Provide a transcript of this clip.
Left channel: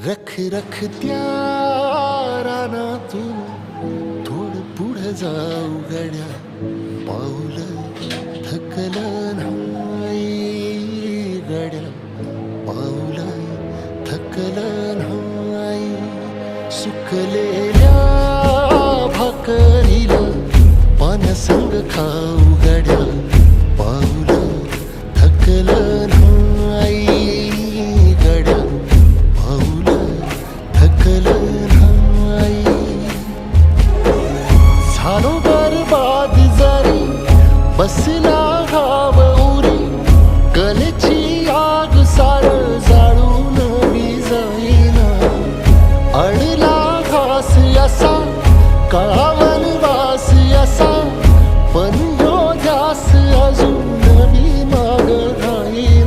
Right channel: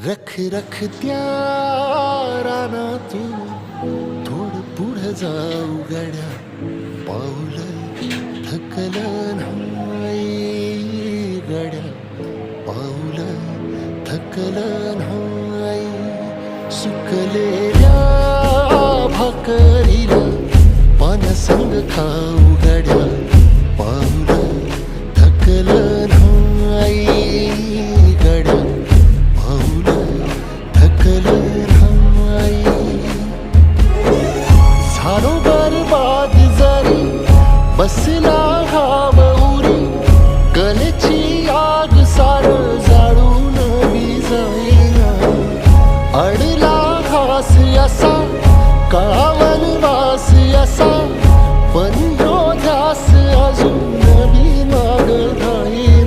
रख रख त्या रानातून थोडं पुढं जाऊ गड्या, पाऊल थकलं नाही गड्या, पाऊल थकलं नाही. सुकलेल्या भाकरीला पाण्यासंग खाऊ गड्या, पाऊल थकलं नाही गड्या, पाऊल थकलं नाही. झालो बरबाद जरी बसला घाव उरी, कलेची आग सार जाळून विजाईना. अडला घास असा काळावन वास असा, पण ह्यो ध्यास अजून बी माग राहीना.